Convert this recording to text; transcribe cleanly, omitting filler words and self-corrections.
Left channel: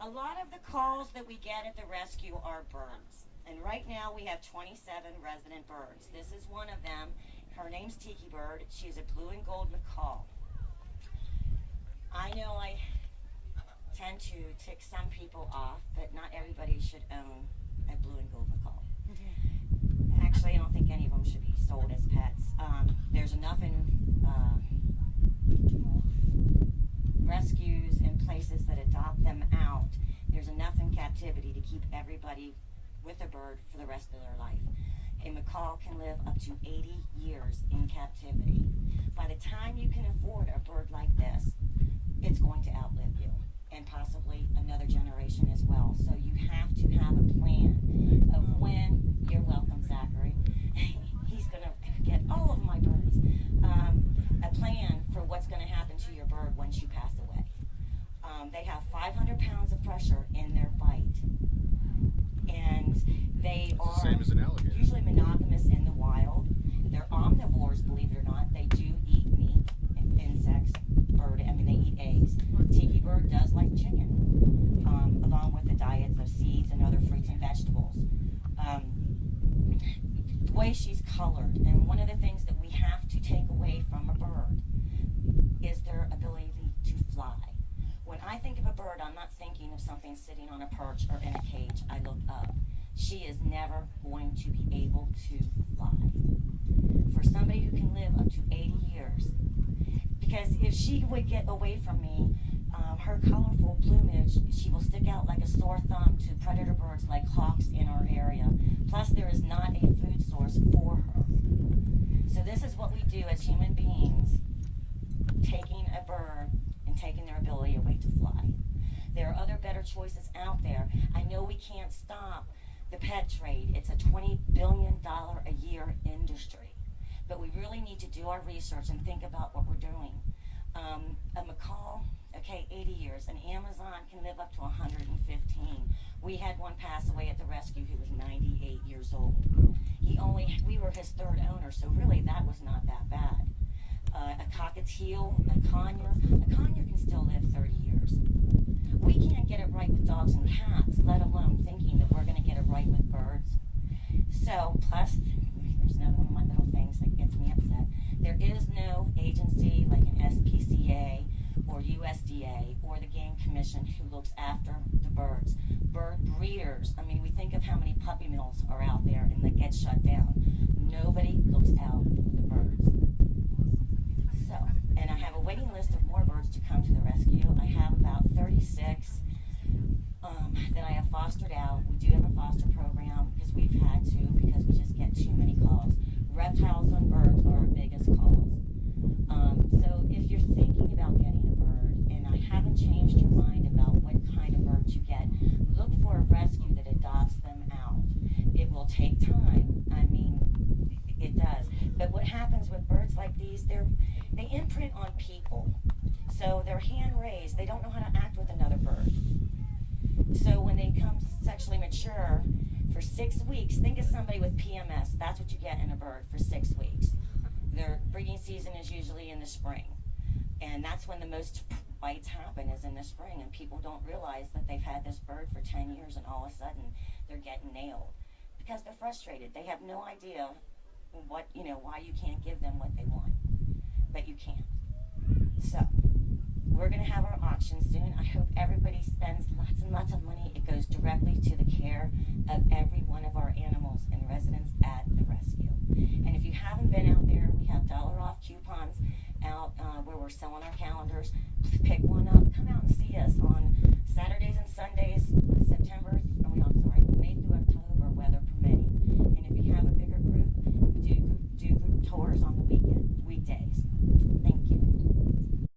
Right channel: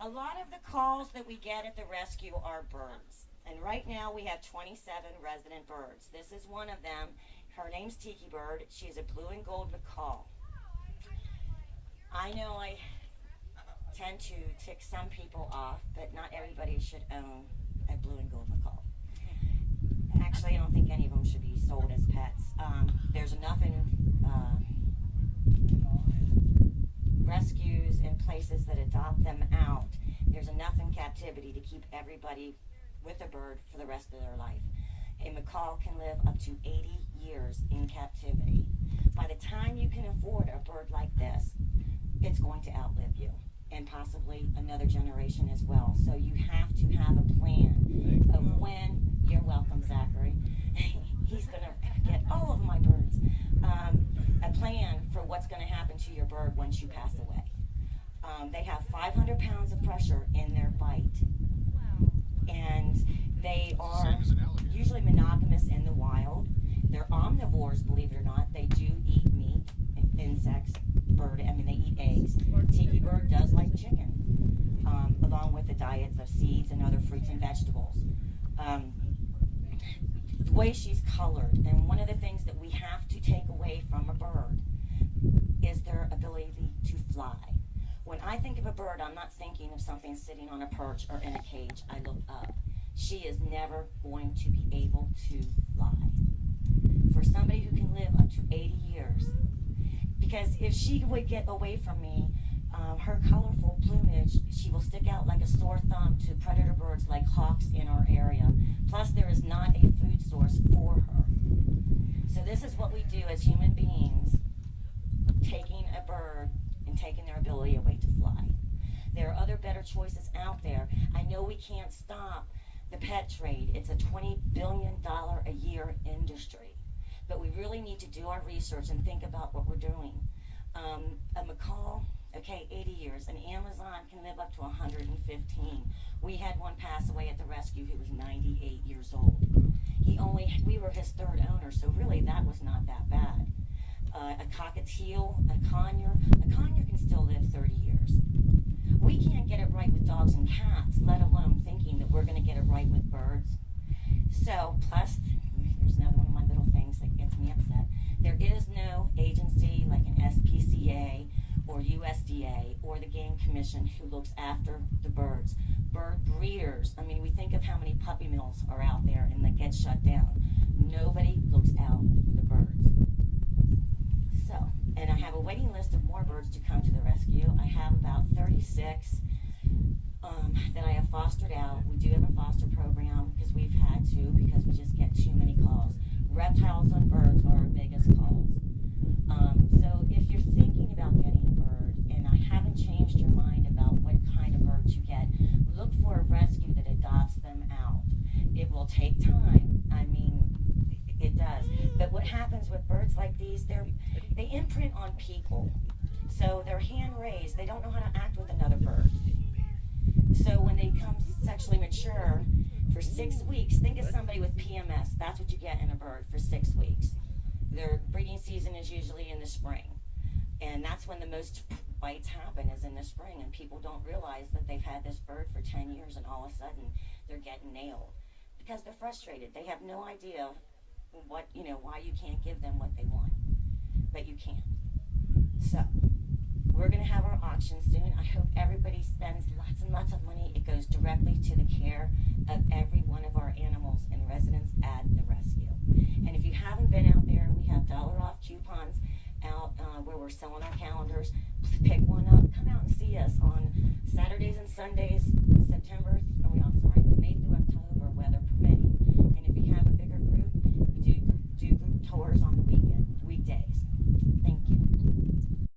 A lot of the calls that we get at the rescue are birds. And right now we have 27 resident birds. This is one of them. Her name's Tiki Bird. She's a blue and gold macaw. I know I tend to tick some people off, but not everybody should own a blue and gold macaw. Actually, I don't think any of them should be sold as pets. There's enough in rescues and places that adopt them out. There's enough in captivity to keep everybody with a bird for the rest of their life. A macaw can live up to 80 years in captivity. By the time you can afford a bird like this, it's going to outlive you, and possibly another generation as well. So you have to have a plan of when, you're welcome, Zachary, he's going to get all of my birds, a plan for what's going to happen to your bird once you pass away. They have 500 pounds of pressure in their bite, and they are same as an alligator. Usually monogamous in the wild. They're omnivores, believe it or not. They do eat meat, insects, they eat eggs. Tiki Bird does like chicken, along with the diets of seeds and other fruits and vegetables. The way she's colored, and one of the things that we have to take away from a bird is their ability to fly. When I think of a bird, I'm not thinking of something sitting on a perch or in a cage. I look up. She is never going to be able to fly. For somebody who can live up to 80 years, because if she would get away from me, her colorful plumage, she will stick out like a sore thumb to predator birds like hawks in our area. Plus, there is not a food source for her. So this is what we do as human beings, taking a bird and taking their ability away to fly. There are other better choices out there. I know we can't stop the pet trade. It's a $20 billion a year industry. But we really need to do our research and think about what we're doing. A macaw, okay, 80 years. An Amazon can live up to 115. We had one pass away at the rescue who was 98 years old. We were his third owner, so really that was not that bad. A cockatiel, a conure can still live 30 years. We can't get it right with dogs and cats, let alone thinking that we're going to get it right with birds. So, plus, there's another one of my little things that gets me upset. There is no agency like an SPCA or USDA or the Game Commission who looks after the birds. Bird breeders, we think of how many puppy mills are out there and they get shut down. Nobody looks out for the birds. So, and I have a waiting list of more birds to come to the rescue. I have about 36 that I have fostered out. We do have a foster program because we've had to, because we just get too many calls. Reptiles and birds are our biggest calls. So if you're thinking about getting a bird and I haven't changed your mind about what kind of bird to get, look for a rescue that adopts them out. It will take time. It does. But what happens with birds like these, they imprint on people. So they're hand raised. They don't know how to act with another bird. So when they become sexually mature for 6 weeks, think of somebody with PMS. That's what you get in a bird for 6 weeks. Their breeding season is usually in the spring. And that's when the most bites happen, is in the spring. And people don't realize that they've had this bird for 10 years and all of a sudden they're getting nailed. Because they're frustrated. They have no idea why you can't give them what they want. But you can. So, we're going to have our auction soon. I hope everybody spends lots and lots of money. It goes directly to the care of every one of our animals and residents at the rescue. And if you haven't been out there, we have $1 off coupons out where we're selling our calendars. Pick one up. Come out and see us on Saturdays and Sundays, May through October, weather permitting. And if you have a bigger group, we do group tours on the weekdays. Thank you.